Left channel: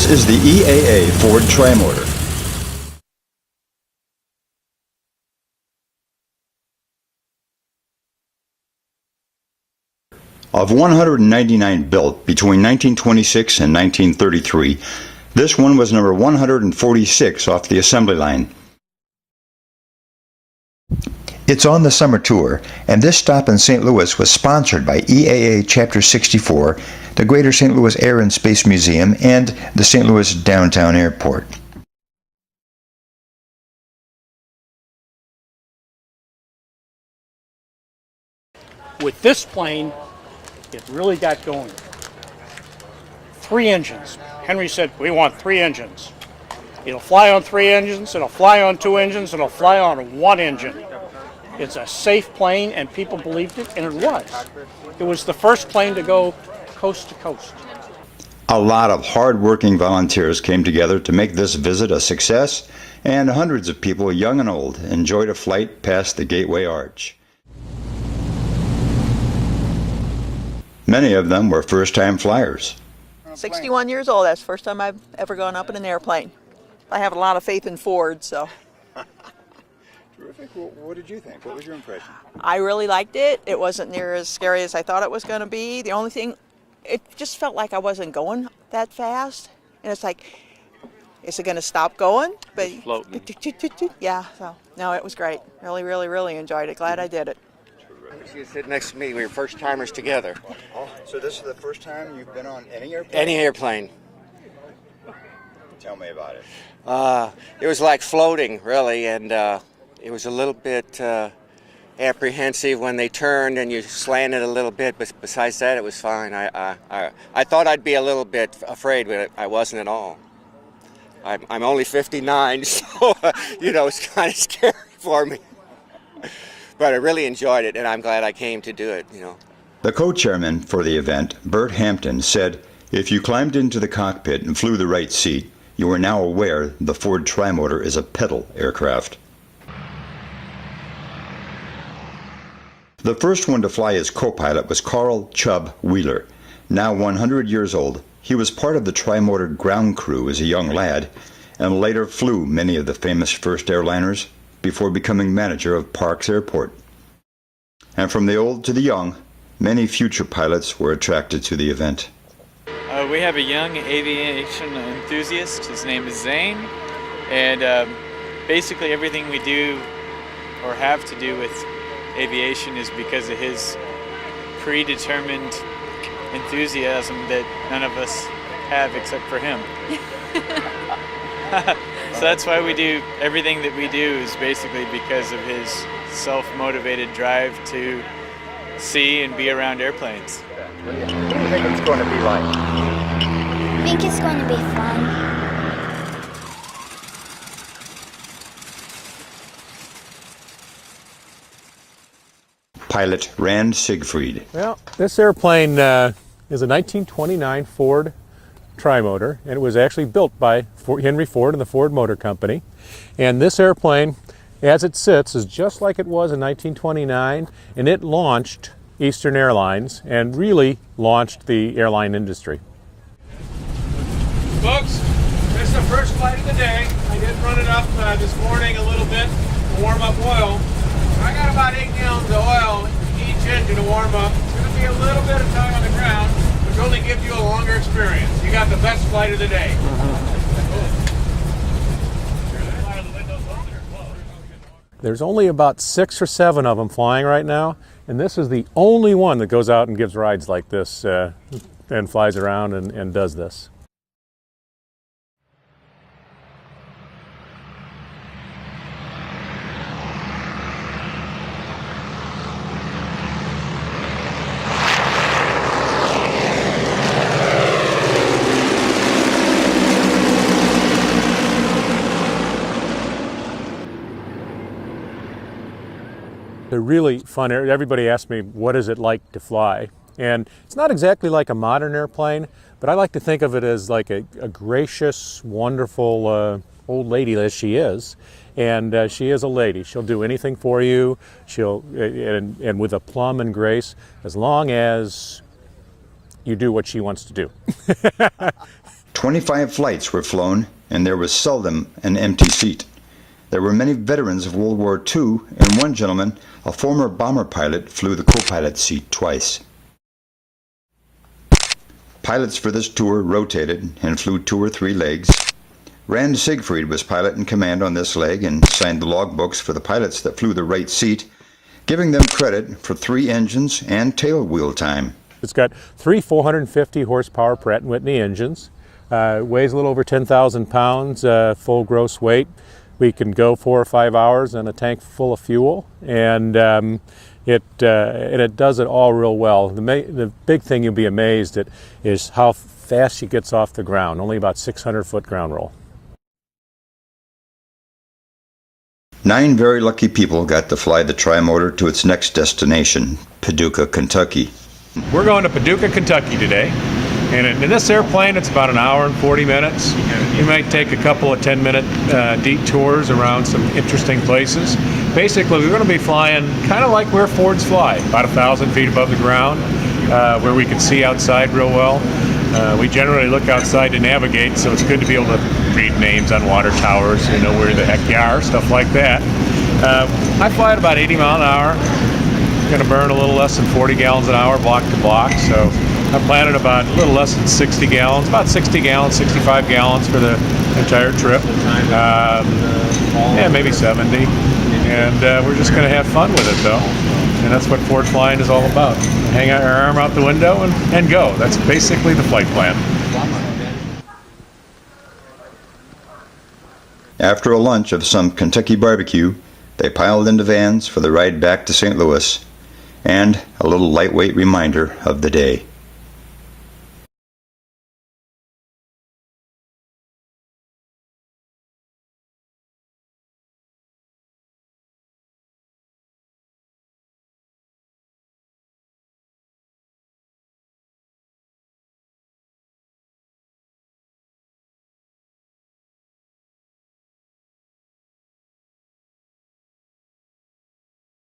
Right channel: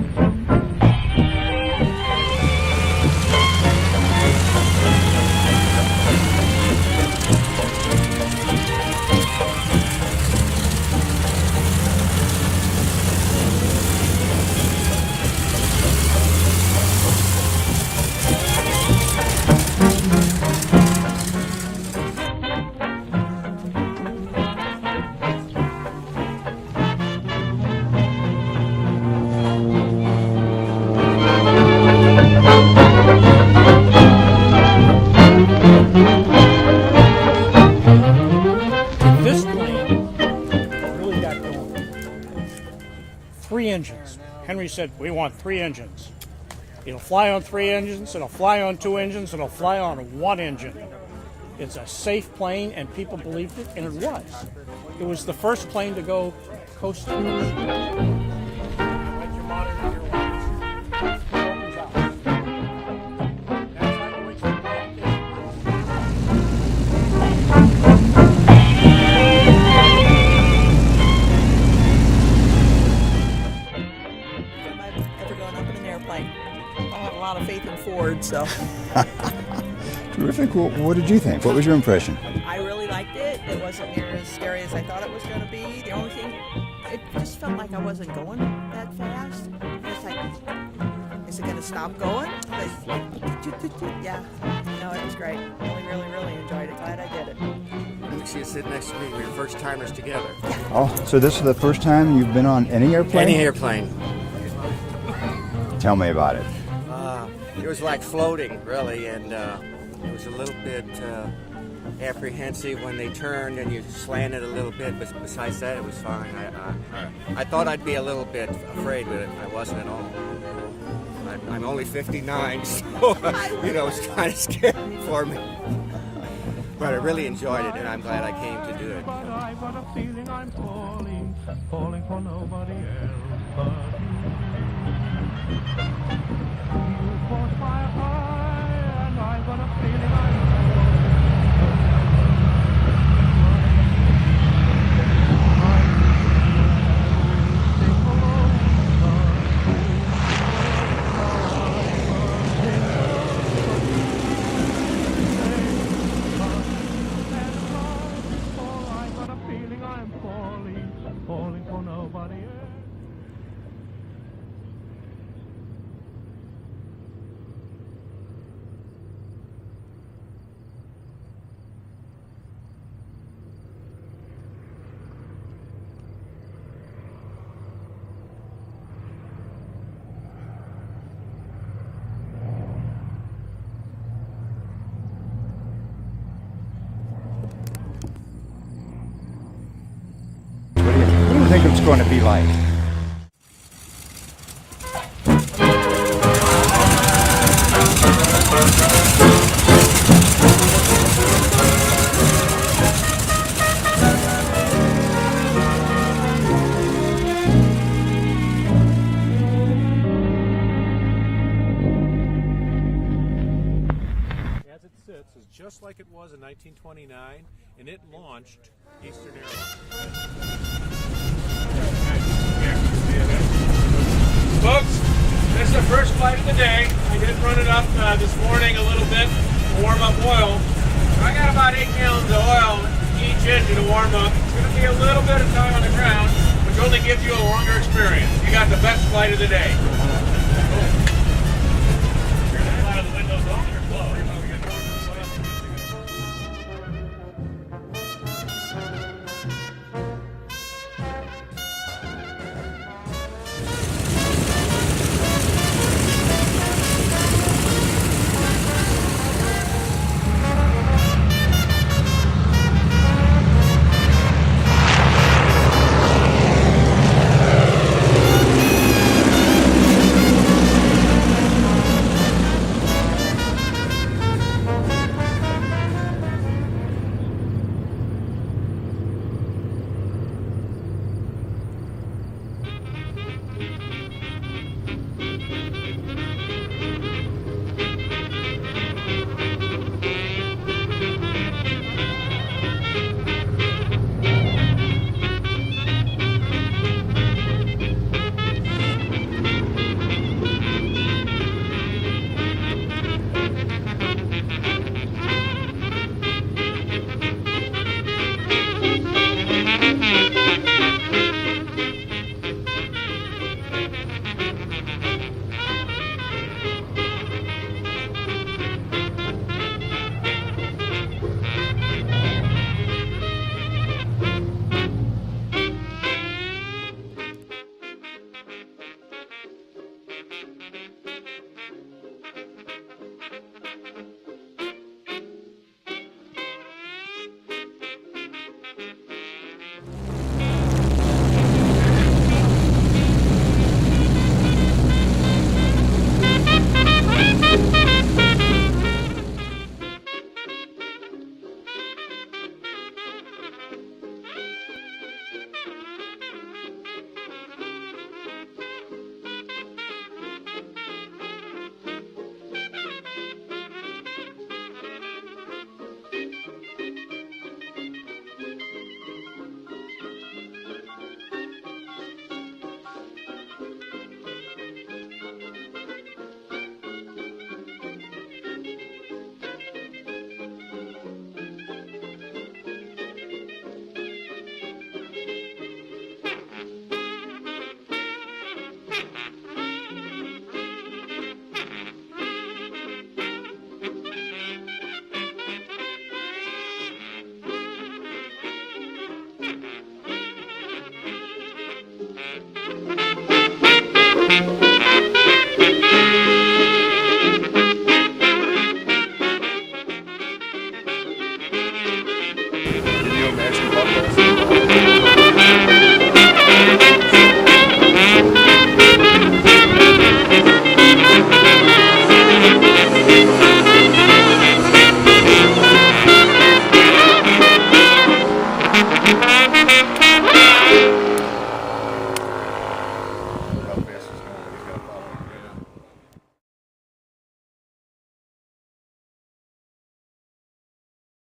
This is the EAA Ford Trimotor. Of 199 built between 1926 and 1933, this one was number 146 off the assembly line. It's on the summer tour, and this stop in St. Louis was sponsored by EAA Chapter 64, the Greater St. Louis Air and Space Museum, and the St. Louis Downtown Airport. This plane really got going. 3 engines. Henry said, we want 3 engines. It'll fly on 3 engines, it'll fly on 2 engines, it'll fly on 1 engine. It's a safe plane, and people believed it, and it was. It was the first plane to go coast to coast. A lot of hard-working volunteers came together to make this visit a success, and hundreds of people, young and old, enjoyed a flight past the Gateway Arch. Many of them were first-time flyers. 61 years old, that's the first time I've ever gone up in an airplane. I have a lot of faith in Ford, so. Terrific. Well, what did you think? What was your impression? I really liked it. It wasn't near as scary as I thought it was going to be. The only thing, it just felt like I wasn't going that fast. And it's like, is it going to stop going? But yeah, so, no, it was great. Really, really enjoyed it. Glad I did it. She was sitting next to me. We were first timers together. Oh, so this is the first time you've been on any airplane? Any airplane. Tell me about it. It was like floating, really, and it was a little bit apprehensive when they turned and you slanted a little bit, but besides that, it was fine. I thought I'd be a little bit afraid, but I wasn't at all. I'm only 59, so, you know, it's kind of scary for me. But I really enjoyed it, and I'm glad I came to do it. You know. The co-chairman for the event, Bert Hampton, said, if you climbed into the cockpit and flew the right seat, you are now aware the Ford Trimotor is a pedal aircraft. The first one to fly as co-pilot was Carl Chubb Wheeler. Now 100 years old, he was part of the Trimotor ground crew as a young lad, and later flew many of the famous first airliners before becoming manager of Parks Airport. And from the old to the young, many future pilots were attracted to the event. We have a young aviation enthusiast. His name is Zane, and basically everything we do or have to do with aviation is because of his predetermined enthusiasm that none of us have except for him. So that's why we do everything that we do is basically because of his self-motivated drive to see and be around airplanes. What do you think it's going to be like? I think it's going to be fun. Pilot Rand Siegfried. Well, this airplane was a 1929 Ford Trimotor, and it was actually built by Henry Ford and the Ford Motor Company. And this airplane, as it sits, is just like it was in 1929, and it launched Eastern Airlines and really launched the airline industry. Folks, this is the first flight of the day. I did run it up this morning a little bit to warm up oil. I got about 8 gallons of oil each engine to warm up. It's going to be a little bit of time on the ground, which only gives you a longer experience. You got the best flight of the day. There's only about 6 or 7 of them flying right now, and this is the only one that goes out and gives rides like this and flies around and does this. They're really fun. Everybody asks me, what is it like to fly? And it's not exactly like a modern airplane, but I like to think of it as like a gracious, wonderful old lady as she is. And she is a lady. She'll do anything for you. And with aplomb and grace, as long as you do what she wants to do. 25 flights were flown, and there was seldom an empty seat. There were many veterans of World War II, and one gentleman, a former bomber pilot, flew the co-pilot seat twice. Pilots for this tour rotated and flew 2 or 3 legs. Rand Siegfried was pilot in command on this leg and signed the logbooks for the pilots that flew the right seat, giving them credit for 3 engines and tail wheel time. It's got 3 450 horsepower Pratt & Whitney engines. Weighs a little over 10,000 pounds, full gross weight. We can go 4 or 5 hours on a tank full of fuel, and it does it all real well. The big thing you'll be amazed at is how fast it gets off the ground, only about 600-foot ground roll. 9 very lucky people got to fly the Tri-Motor to its next destination, Paducah, Kentucky. We're going to Paducah, Kentucky today. And in this airplane, it's about 1 hour and 40 minutes. You might take a couple of 10-minute detours around some interesting places. Basically, we're going to be flying kind of like where Fords fly, about 1,000 feet above the ground, where we can see outside real well. We generally look outside to navigate, so it's good to be able to read names on water towers, you know where the heck you are, stuff like that. I fly at about 80 miles an hour. Going to burn a little less than 40 gallons an hour, block to block. So I'm planning about a little less than 60 gallons, about 60 gallons, 65 gallons for the entire trip. Yeah, maybe 70. And we're just going to have fun with it, though. And that's what Ford flying is all about. Hang our arm out the window and go. That's basically the flight plan. After a lunch of some Kentucky barbecue, they piled into vans for the ride back to St. Louis, and a little lightweight reminder of the day.